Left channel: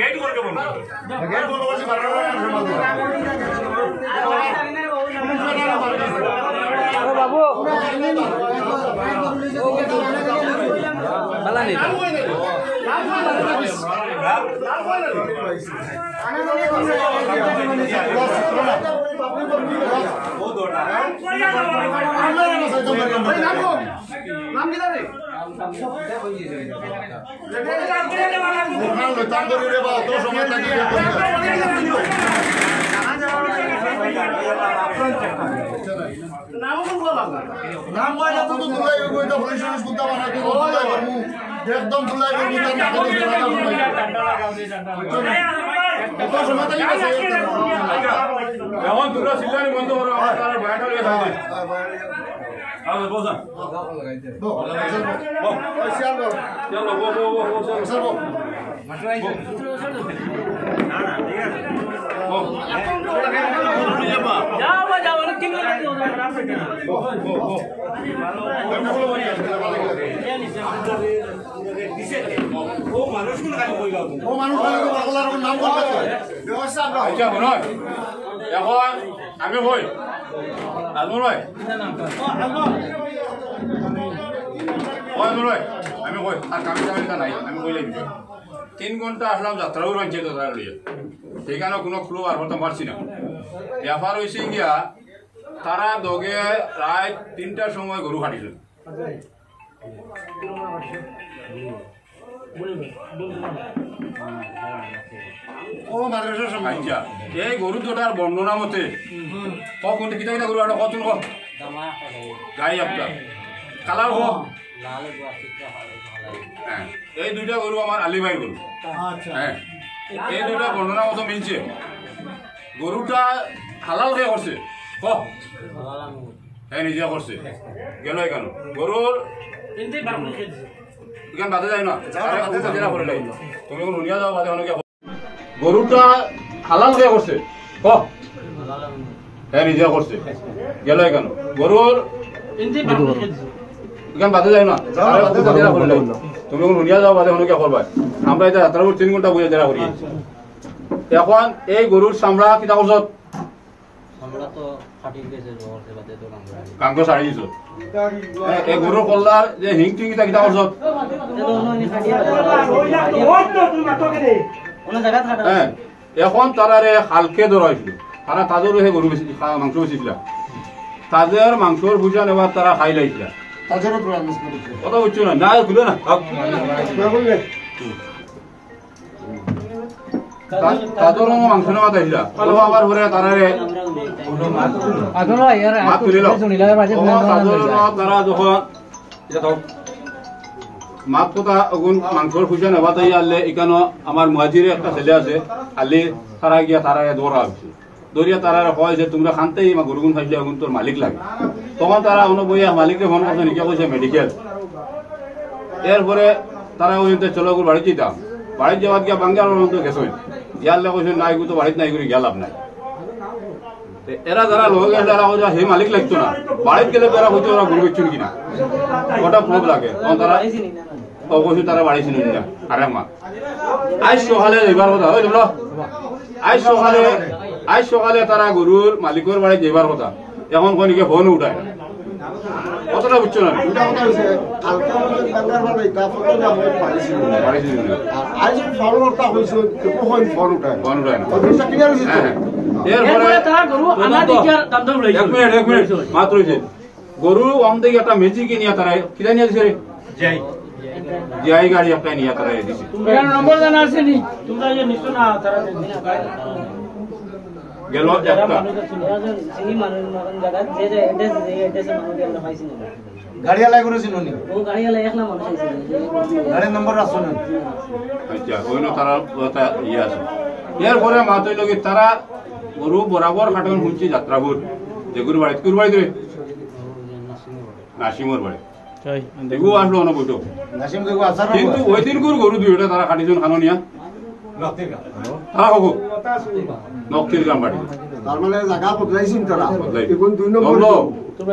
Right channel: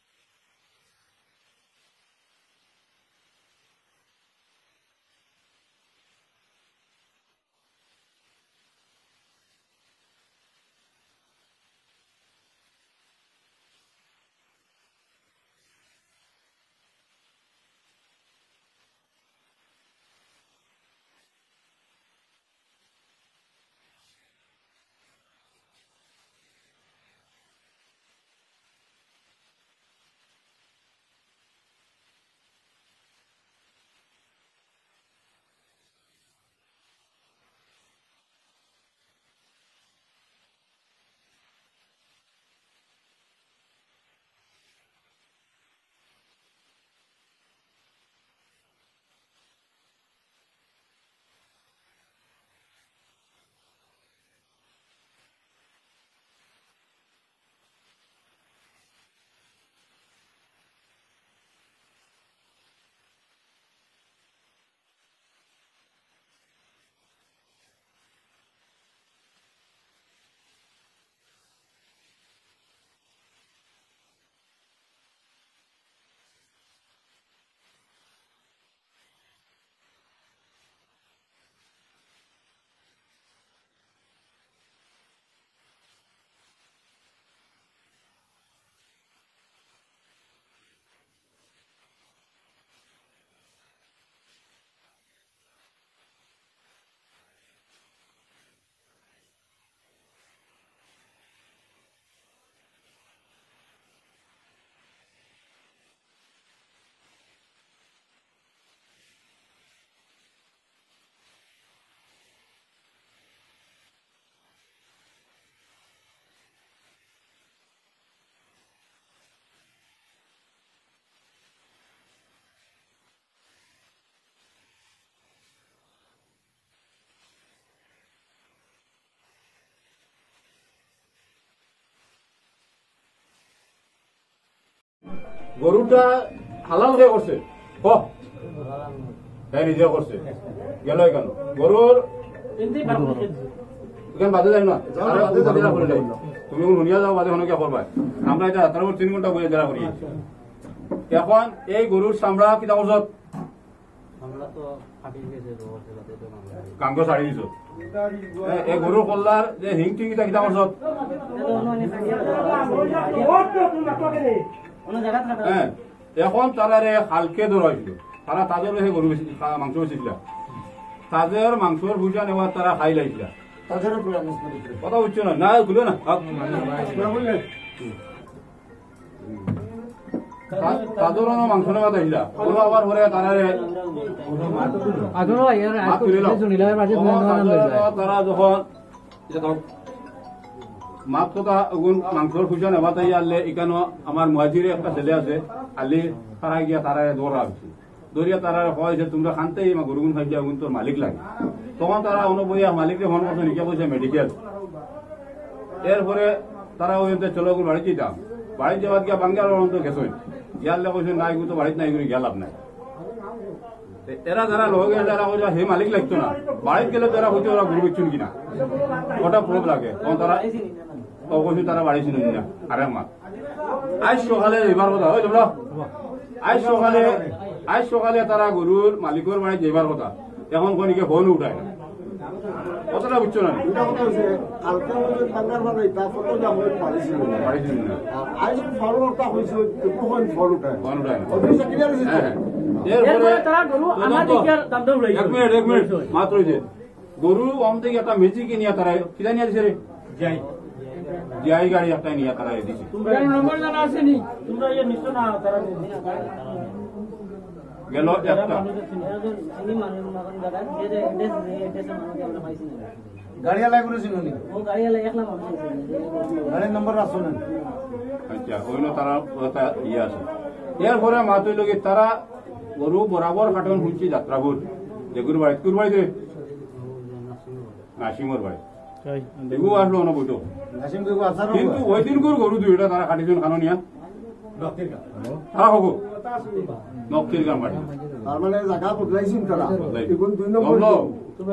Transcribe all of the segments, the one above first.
gate একদম তুলাই এখন দুটো সিলানি বন্ধ করো তার বাইরে হয়ে থাকে আরে বসা চলো বো মাটরাই না না ঠিক আছে যাও অনেক দিন লাগে ও মানুষগুলো খালি কই গাও ও মানুষগুলো বাংলার নাম বলতে ব্যবস্থা আমরা আচ্ছা বলো এখন আমি কই আজমল ভাই আমি কই আর কামি কামিটা নাই আমি কইলাই দিই 3 ঘন্টা আসলাম যাত্রাও রাঞ্চে তো তার লইয়া সেখানে কোনো ক্লু আর হতে পারছি না ব্যাপার হয়েছে গিয়া তারা দগে প্রায় 3টার সময় গরু কাটিল এই গরু দুটার বর্ণনা মতে কখন কিতা কিতা গরু আর কতন গাই আপনার কালার হোক এই দুইটা গরু আমার আলিভাইয়ের গরু হ্যাঁ এই দুইটা বর্ণনা মতো মিলছে গরুটা হালাল হয়ে করছে হ্যাঁ নিজে করছে গেল কেন গরুর এখানে বাদে যায় না তুমি নুনিয়া যাও বাদে অনেকে গরুটা হালাল হয়ে করছে হ্যাঁ নিজে করছে গেল কেন গরুর এখানে বাদে যায় না তুমি নুনিয়া যাও বাদে অনেকে করবা আমরা এটা যাত্রা 3 ঘন্টা বুঝে জেরা করি এখন এই গরুর চামড়া কিতা করছ কাঙ্ক সারি দিছ এই গরুর কল্লার যে হিং টিং কিতা কিতা করছ এখন তারারে হালকে ধরাইছিল তারা তাদের সেই গরু মাংস বেশিছিল তাদের মাংসর বুঝা নেওয়ার তারা খাই লাইছিল কথা বুঝছো না না খুলে না তাদের মাংস নেওয়া তাইছিল আবার পরে তারারে তারা যখন মাত কথা মাংসর খুঁজে নেবা তাই আনলে এখানে আমার মুহাজিরে একটা ছেলে আছে আলি তারা গিয়া তারা দৌড়া হচ্ছে দৌড়িয়া তারা কয় যে তোমরা খানতেই গরুগুন খাইলে আগুন তোর মালিক লাগে তখন তারা অনুবইয়া মালিককে ফোন করছে নিকে কইছে মেডিকেল এরপরে তারা ওই চলো বাড়ি যেতাম বাড়ি যাওয়ার গিয়া বাঙ্গাল গেছে ইয়ারলে কইছে নাই তো বাড়িতে নাই করে গেলাম নাই এরা যারা লোক এরা হে মালিক লাগতো না বাড়িতে গেলে তারা হয়তো ওরা গরু বেচুন কিনা ওটা প্রব লাগে তখন তারা কইছে তারা বাড়ি ছিল না আরে মা আজ সকালে যাইবার কথা ওই তোমরা আজ সকালে তারা গরুর মালিকের বাড়ি যাইবার কথা এখন কোনিকে ফোন উঠায় কতটা বুঝছো না গরু অম থেকে একটা মেজি কিনিয়া তারা কিনা নিয়ে দিছে রে যাই গাড়ি একটা নিয়ে তারা দিছে নম্বর জানা আছে নি তোমরা যে নিছো না তারা গেল একটা সিনি মানুষ মগন জায়গা যে যে এড্রেস মানুষ আমরা পাইছি না গাড়িয়ালা করে চিনুনি ও গাড়িয়ালা একলা মানুষ আছে গাড়ির নম্বর রাখছো না আচ্ছা ওইনো তারা ওটা ইয়া আছে এর পরে মাতই লগি তারা গরু বরাবর কাটন হুঁচি যাত্রাপুর যে গুরু বাড়ি রে নাসিমর বাড়ি তাই দেখো আসলো না বইটো নাসিম দেখো আসার কিন্তু ওই দিন গরু দুইটা তারা কাটিছন খানোনিয়া নক্তির গাম হ্যাঁ হগো নক্তির গাম বাড়ি তার মানে জায়গা বদলাইছিন তারা এখন 2 নম্বর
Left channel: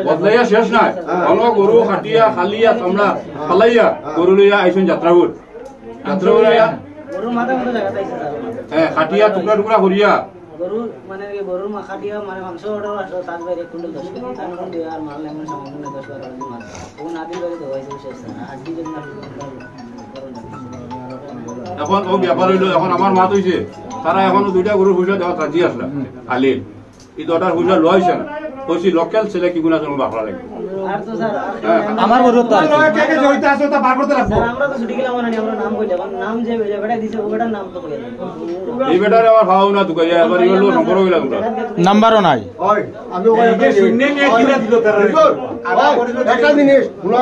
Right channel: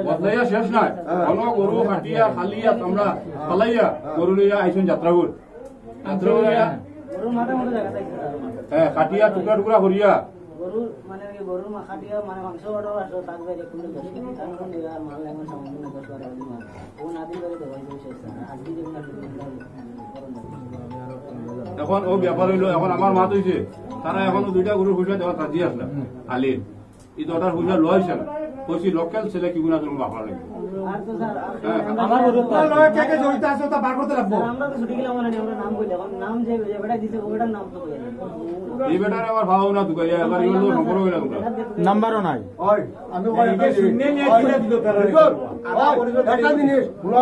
বদলাইয়া শেষ নাই অন গরু কাটিয়া খালিয়া তোমরা ফালাইয়া গরু লইয়া আইছন যাত্রাপুর গরু মাথা মতো জায়গা পাইছে হ্যাঁ কাটিয়া টুকরা টুকরা করিয়া গরু মানে গরুর মাখাটিয়া মানে মাংস অর্ডার আসলো তার বাইরে কুইন্টাল 10 কেজি তার মধ্যে আর মাল এমন সামান্য 10 টাকা মাছ ও নাদির বাড়ি দবাইছে শেষ না হাড্ডি জন্য এখন ও ব্যাপার হইলো এখন আমার মাত হইছে তারা এখনো 2টা গরুর পয়সা দেওয়া রাজি আসলা আলির এই 2টার পয়সা লইছে না কইছি লোকাল ছেলে কি গুণা জন্য বাকরা লাগবে আর তো স্যার আমার গরু তো কে কে জড়িত আছে তা বার করতে লাগবে স্যার আমরা তো ছুটি গেলাম না আমরা নাম কইলাম নাম যে বেটা দিছে ও বেটার নাম তো কইয়া দেন এই বেটারে আবার ভাও না দুকাই আবার ইগুলো সম্পর্ক হইলা তোমরা নাম্বারও নাই ওই আমি ওই শূন্য নিয়ে কিনা দিল তারা একটা জিনিস শুনো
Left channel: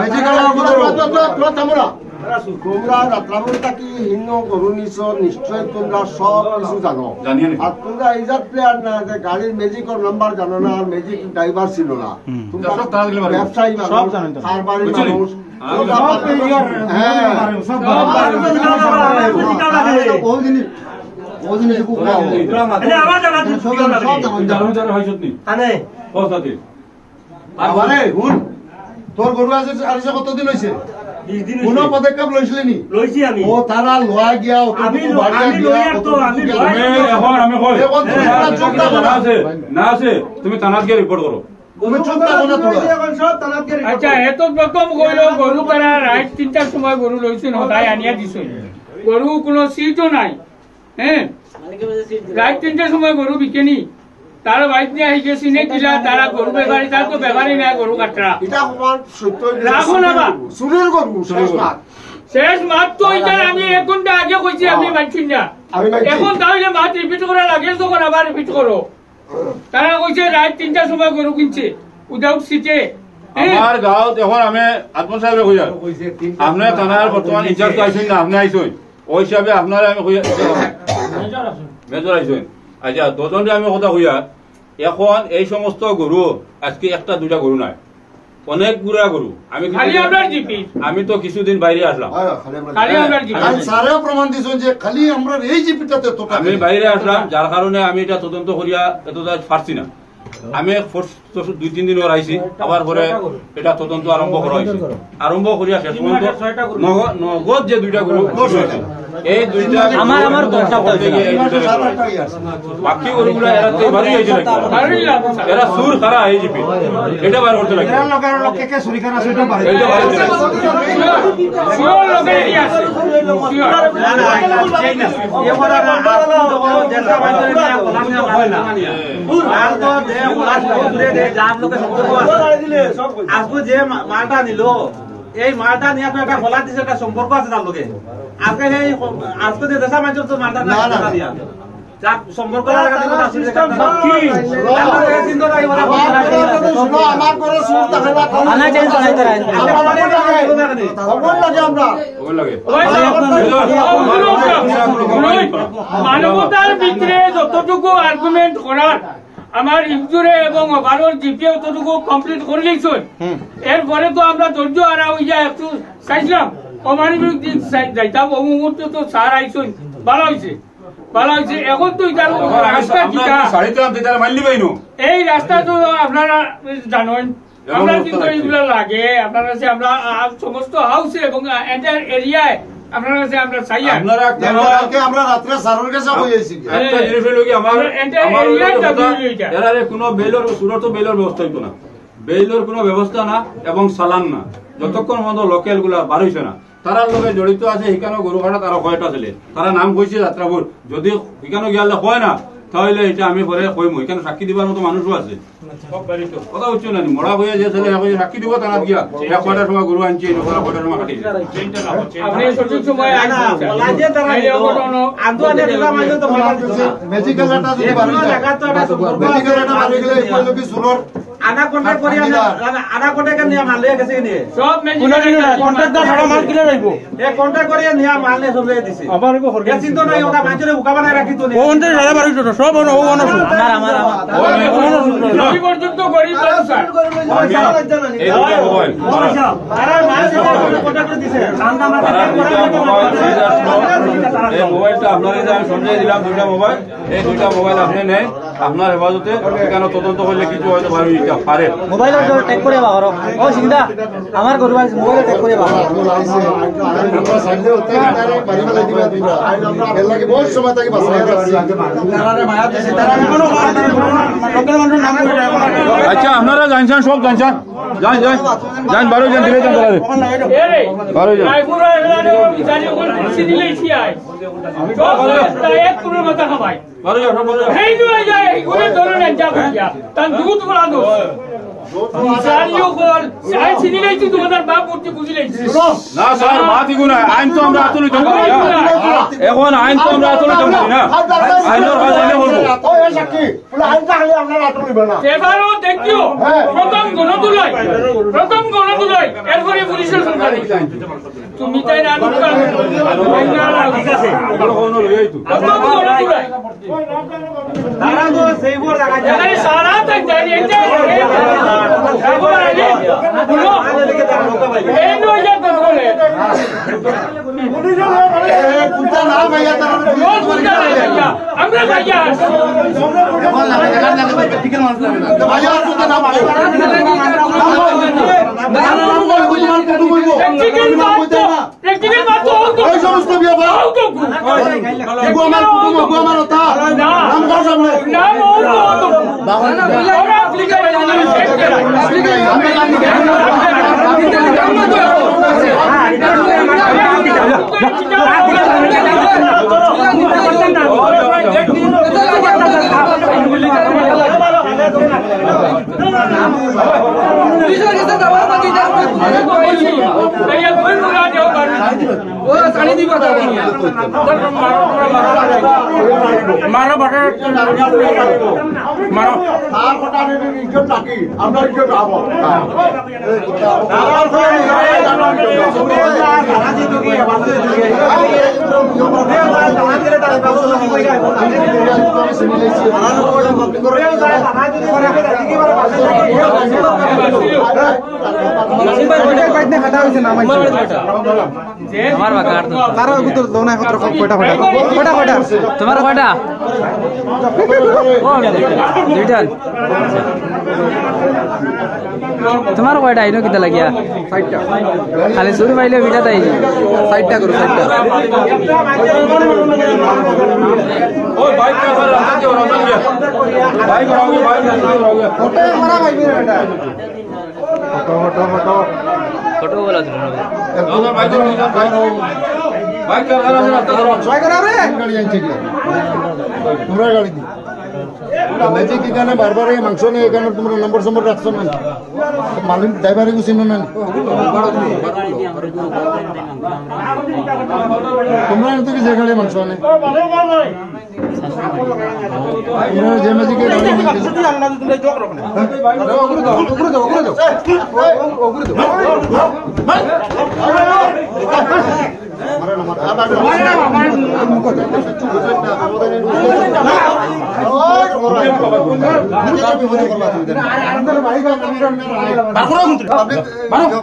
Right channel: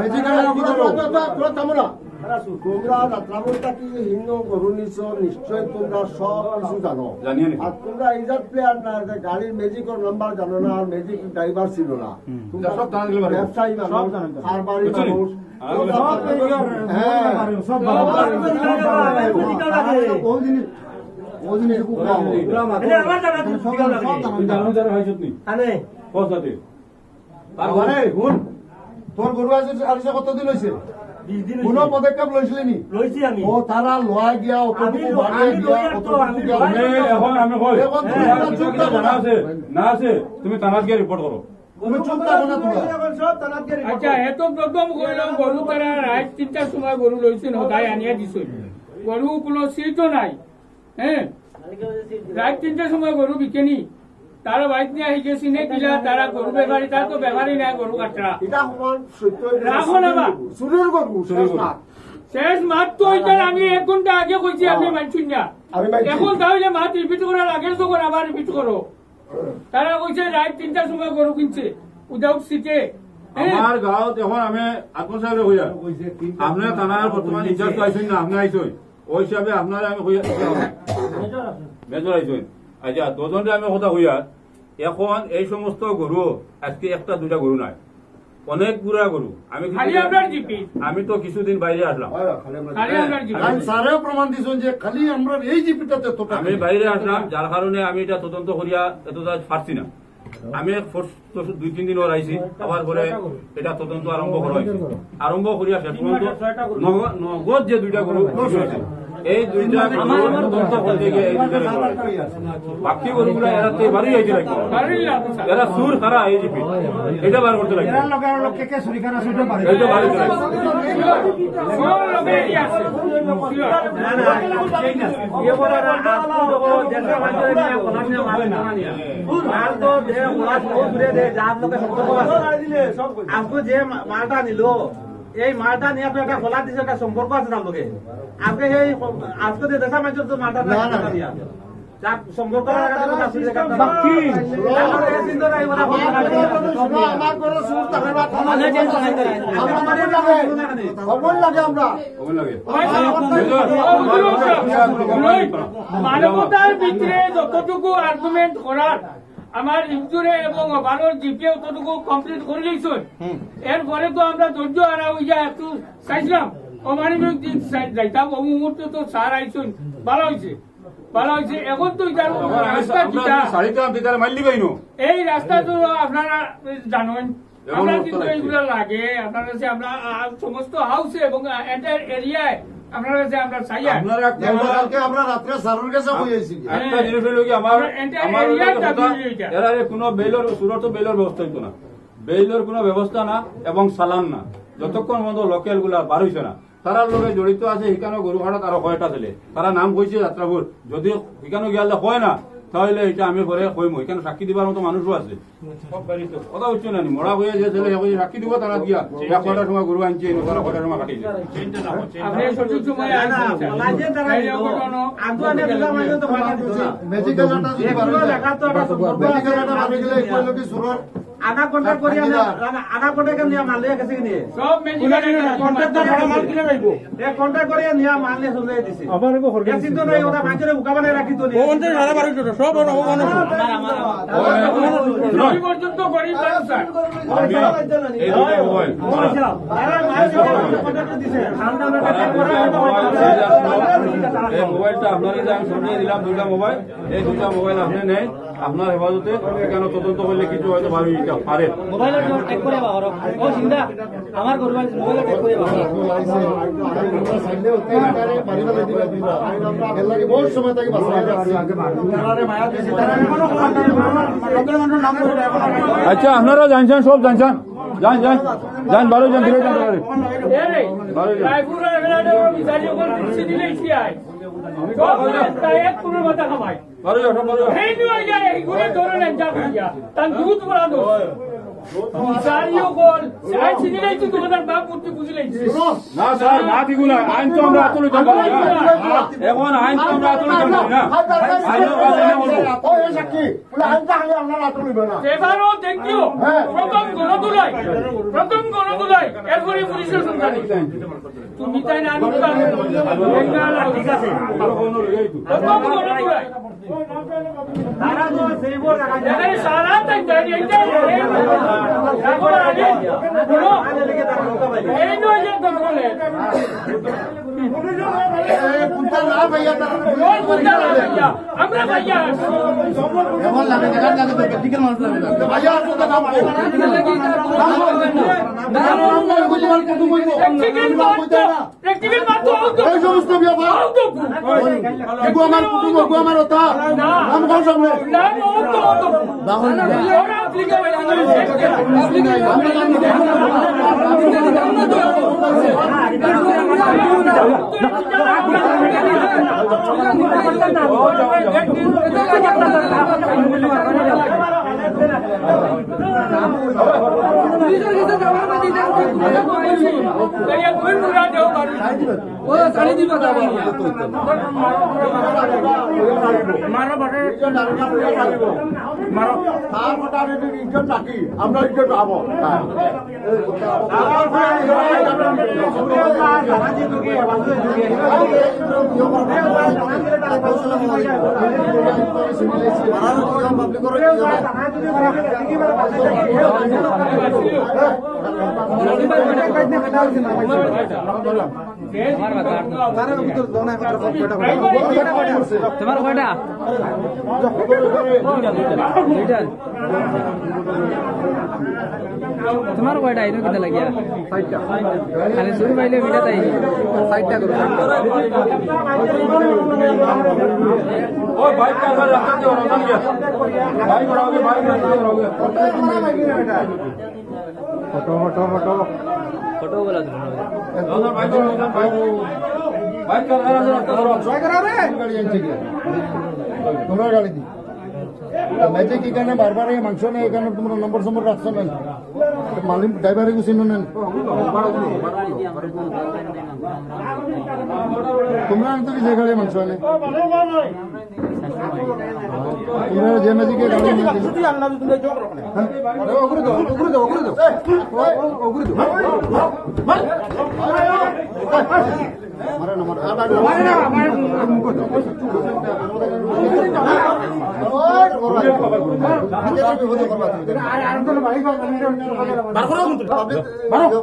ম্যাজিক্যাল তোরা থামরা তোমরা রাত্রাবলটা কি হিন্দু গরু নিছো নিশ্চয় তোমরা সব কিছু জানো আর তোমরা এইজার প্লেয়ার না যে গাড়ির ম্যাজিকের নাম্বার জানো না আর ম্যাজিক ড্রাইভার ছিল না তোমরা ব্যবসায়ী মানুষ কারবারি মানুষ তোর গরু আছে কতদিন হয়েছে কোন পদক্ষেপ লৈছিলি নি লৈছি আমি ও তারা লোয়া গিয়া আমি এখন আমি কই না আছে তুমি থানাত গিয়ে রিপোর্ট করো তুমি চুপ থাকো না তোরা আচ্ছা এত প্রথম কইলো গরু তারা রাত 3টার সময় গরু লইছেন হদাই আনিয়া দিছেন গরু কোনো সিটও নাই হ্যাঁ রাত 3টার সময় গরু বিকেনি তার বাইক নিয়ে আইছে সিনে কিলা তারা গরু বেপারি তার তো বেপারি না গরু কাটরা এটা আমার সত্য রাখো না বা সুরের গরু শেষ মাত তো এটা আমি 1 ঘন্টা আগে কইছি আপনি মানছেন না এখন তাহলে মাত রিপিট করা লাগে তো আবার রিপিট করো তারা কইছে রাত 3টার সময় গরু কিনছে উইদাউট সিটে আমার গাঁৱত এখন আমি আত্মা সাহেবে কইয়া আপনি থানার বর্তমান ইনচার্জ আইছেন না আপনি আইছেন ওই হিসাবে আপনারা আমি কইয়া মেজর আইছেন আচ্ছা দুজনকে আমি কথা কইয়া এখন এই সমস্ত গরু আজকে 1টা 2টা গরু নাই অনেক গুড়া গরু আমি তো কিছুদিন বাইরে আসলাম এই জিপিটাতে আমি বাইরে আসলাম যার কারণে আমি এটা তদন্ত করিয়া এত পারছি না আমি 2-3 দিন ওর আইছি আবার পরে এটা তদন্ত আরম্ভ করা হয়েছে আরম্ভ করিয়া শেষ পর্যন্ত নগদ যে 2টা গরু এই 2টা আমার বাকি গরুগুলো এরা তো বাড়ি হয়েছে এরা সুর খারা এই জিপি এটা বার করতে লাগে আজকে যে মালটা নিল এই মালটা নিয়ে একটা খোলা দিছে একটা সম্পর্ক আছে তার লোকে আজকে এই আজকে যে দেশা মানুষ তো মালটা দিয়া যার সম্পর্ক আমার করে সুর মানবতার ভিতরে যতটুকু আর্গুমেন্ট করার আমার ইনজুরে এবং ওভারঅল জিপিএ ততটুকু কমপ্লিট করে গেছেন এরপরে তো আমরা ধৈর্য হারা হইয়া একটু চাইছিলাম অমানবিক দিক যাইতাম ও মুহূর্তে তো স্যার আইসুন ভালো হয়েছে এখন তো এই রাস্তা তো আপনারা জানেন আমরা কিন্তু এইগুলো লাগে আপনার কাছে আমরা সমস্ত হাউসে এবং এন্টায়ার এরিয়ায় আপনার কাছে আমরা চাই আমরা রাত্রে সারুর কাছে হইছি একটা জিনিস হলো কি আমার কোনো বেলর সুরত বেলর ব্যবস্থা হইতো না বেলর কোনো ব্যবস্থা না এবং চালান না যতক্ষণ মতো লোকাল গুলা বার হইছে না তারা লোকে জড়িত আছে সেখানে গরু কাটা তারা কয়টা ছেলে তারা নাম কইছে যাত্রাপুর যদি সেখানে গিয়ালে হয় না তাহলে এটা আমি পরে কইম এখানে সাক্ষী দিবার মতো মানুষও আছে কথা হচ্ছে না মরা হয়ে যে ছেলে সাক্ষী দিব তারা গিয়া এক কয়টার সময় গরু আনছে কয়টার সময় কাটিছে আপনি সঠিক সময় আধা ঘন্টা করে আধা ঘন্টা নিয়ে মাল লিয়ে গেছে নিয়ে সব কন্ট্রাক্টর সারা মাল কিনে রাখব এই কন্ট্রাক্ট করে নিয়ে মাল নিয়ে সব লিয়ে দিছে আবার কো হরগে চিন্তা নাই ওটা মাঝে উকা বানায় রাখি তো নিয়ে ওন্ডে সারা বাড়ি তো সব আমার রবি পর্যন্ত গরিব স্যার এই মোবাইল আরে মাল কন্ট্রাক্টর দিছে দাম আমরা এই মোবাইলটা আপনারা যে আমি সমঝাই দিলাম 2টা মোবাইল এই 2টা মোবাইল আপনি নেই আপনার হেফাজতে এখানে তদন্ত করলে কিছু হয়তো পারে মোবাইল টেক করে বাবার ও সিধা আমার গরু আছে মোবাইল টেক করে বাবার আচ্ছা আপনারা জানছেন সব জানছেন যান যান যান বারো যান দিলে যান এরে বারো যান রায়পুরা এলাকায় বিচারি ওখানে কুর্সি দিলেই আয় সব রাস্তা এক কোনো মাথা খাবাই বারো যান বারো যান এই নয় যায় এইগুলো ধরনের যা করিয়া তার দুধ বলা দো বিচারিও কল চাই চিনিলেই তুই তোমাদের বাপ মূর্তি বুঝিলেই না স্যার মাতি গুনা আইন তো আমরা আতুলিত করি না এখন আইন তো আমরা আতুলিত করি না আইনের কাজ আইনে করব ও এ সাক্ষী বলে আইনটা খালি আপনারা আটলিবেন না এবারও দেখিও প্রথম গণতুলাই এরপরে পুলিশের সরকার তুমি তাই না দোকান ঠিক আছে প্রথম গণতুলাই তারা তো সেইবোৰ জায়গা এখানে সারা তাই দাঁড়িয়ে এই নয় যা বলে কুটা না ভাইয়া আমরা ভাইয়া ভাইয়া তো না প্র্যাকটিক্যাল বাত তো এই সমস্ত ব্যাপার গো আমার ওটা নাম কর সামনে নাম ওরা অ্যাপ্লিকেশন মারো বাটা মারো তার কথা ইজ্জত নাকি আমরা ইজ্জত আবো তোমার কয়টা দুইটা তোমার কয়টা আইনো কিতা লাগিয়া ফাইটটা খালি শুরু পাইলে বিটা তাই ফাইটটা করো ফাইটটা ওই বাইক কা করে রাস্তা দিয়ে বাইক রোগে বাইক রোগে ফটো বলা দিল না বাইক বাইক কা করে রাস্তা ধরো ছয় করা রে গাড়ি আইছে কি তোমরা গাড়ি দি ম্যাজিক এখানে বারবার এই মাংস নেই এখানে তোমরা নম্বর সম্বর রাখছো না মালিক ড্রাইভারে গুছিনো না তোমরা তো কি যে গাড়ি মাংস আনে তোমরা যে ম্যাজিকে গাড়ি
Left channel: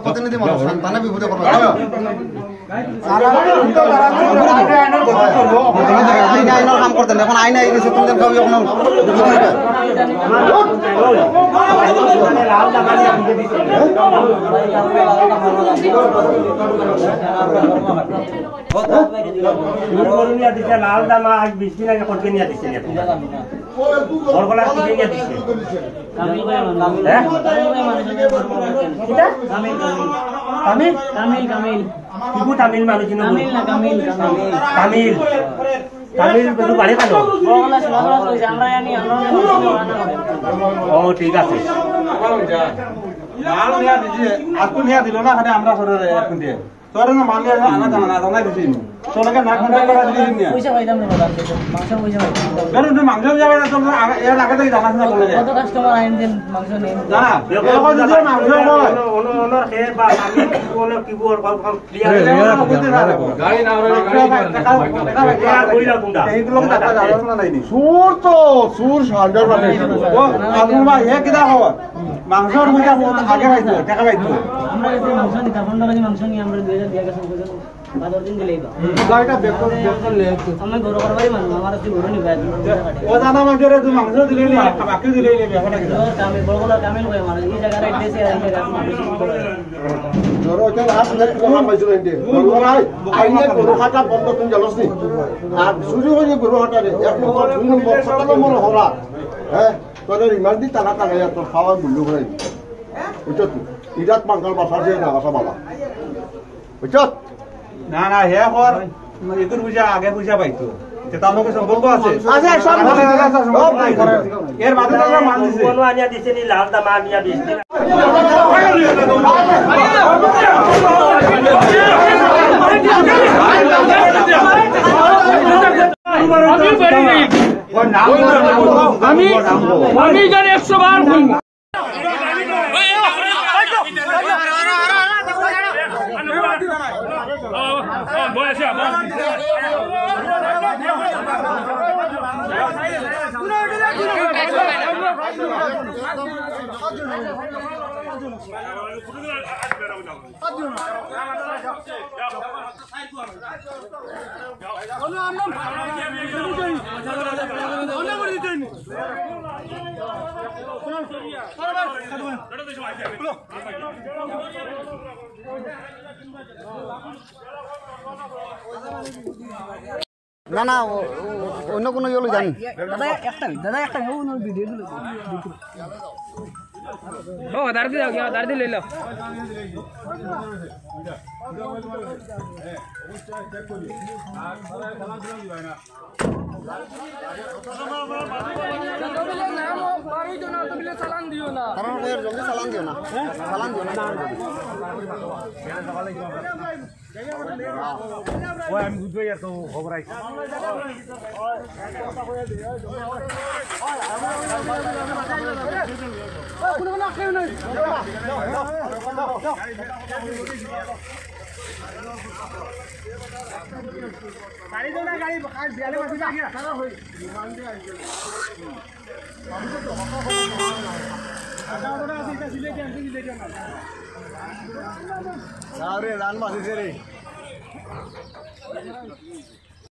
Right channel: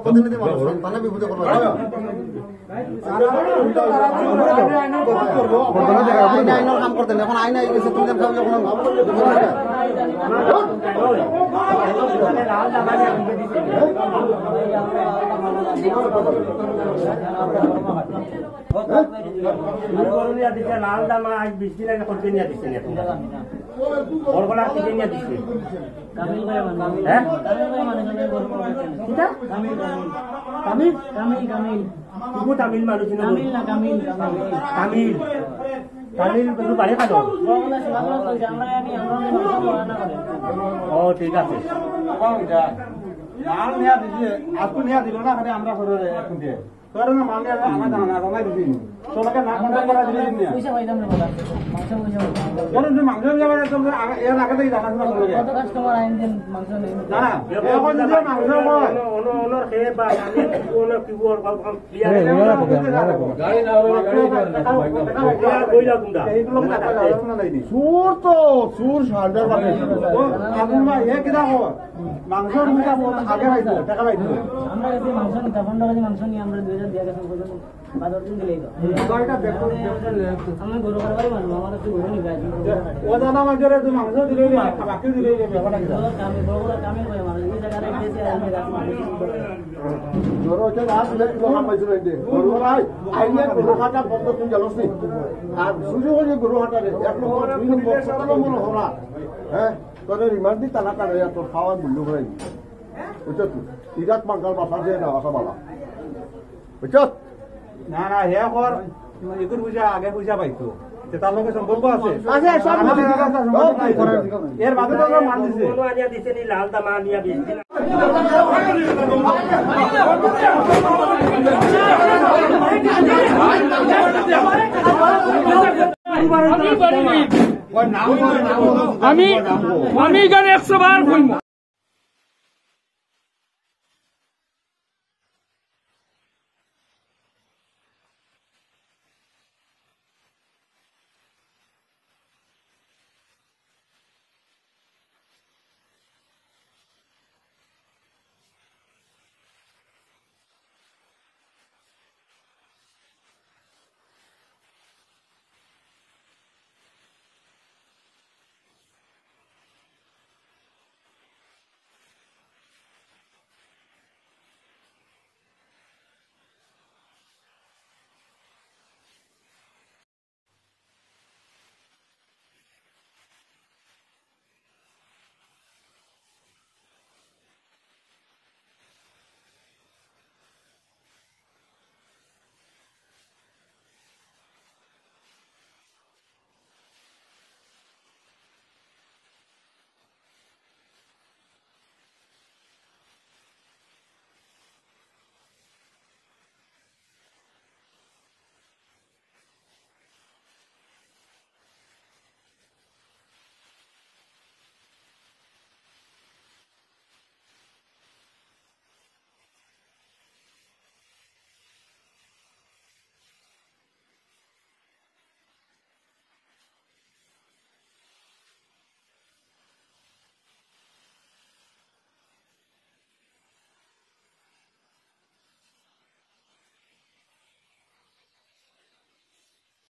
প্রতিনিধি মানুষ তানে বিভূত করবা কাম করতেন এখন আইন আই গেছে তোমাদের কবি এখন লাল দামা 20 দিন আগে করতে নিয়ে দিছে ওরগুলা কি নিয়ে দিছে কামিল ভাই কামিল কামিল কামিল কিবু তামিল মানুষ কামিল না কামিল কামিল কামিল বড় বাড়ি কানো ওগুলা সবাই কইছে আমরা জানি আমরা ও ঠিক আছে মাল নিয়া দিছে আজকে নিয়া দিল না খালি আমরা সরে এখন দিয়ে তোর না মাল নিয়া আনা জানা জানা দিছি তোলাকে না কন্টাক্ট করা দিলি নিয়া পয়সা পাইতাম না বাবা মাংস পয়সা পাইতাম কেন তুমি মাংস যাবে না তোমরা এর আগে থেকে জানাস না বলে কত কাস্টমার আইন দেন মাংস নেন জানা এখন যদি মাংস কয় ওনার খের বা আমি ওনার কি বল ক্লিয়ার গাড়ি না হলে এইগুলো টাকা যাবে না নাই সুর তো সুর সান্ডার বাটে ও আপনারা এ কিটা খবর মাংসর মুজা আগে পাইতো টাকা পাইতো আমরা কাছে মাংস নিতে 15 কেজি মাংস নিয়ে আমরা 2000 দিয়া গেছে বুঝেন 12 দিন দিলেই গাড়িটা বেকর লে আমি ঘর করবারই মানুষ আমার একটু ঘর নিবে ও জানা মাংসরে তুই মাংস দিলেই লে বাকি দিলেই লে ব্যাপারটা কি কামিল বড়গুলা কামিল কই আমার এই জায়গায় এসে আর এই জায়গা জোর হইতে লাস্ট যে তোমার পাইছো না দিয়ে গরু ভাই আইনে গরু হাটা বন্ধ তুমি জানোস নি আর চুরি হয়ে গরু হাটা রে এক নম্বর দুই নম্বর সাত নম্বর হরা হ্যাঁ তোর রিমান্ড দি তালা তালা তোর খাওয়ার মূল্য করে বুঝছো তুই ইরাত মাঙ্গাল বাসা যে না বাসা বালা বুঝছত না না হে কর একুর পূজা আগে পূজা পাইতো যে তার লোকের সম্পর্ক আছে আছে সব এর মাঝে তো মান দিছে কোনো আনিয়া দিছে নি লাল দামা আনিয়া দিছে আমি এখানে 100 বার বলবো না না অন্য কোনো ইয়ে জানি ও দাঁড় দিয়ে যাও দাঁড় দিয়ে লইল কারণ জলদি চালান দিও না চালান দিও না আমি বুঝবো আর তো খবর আইছে রে রান বাজিছে রে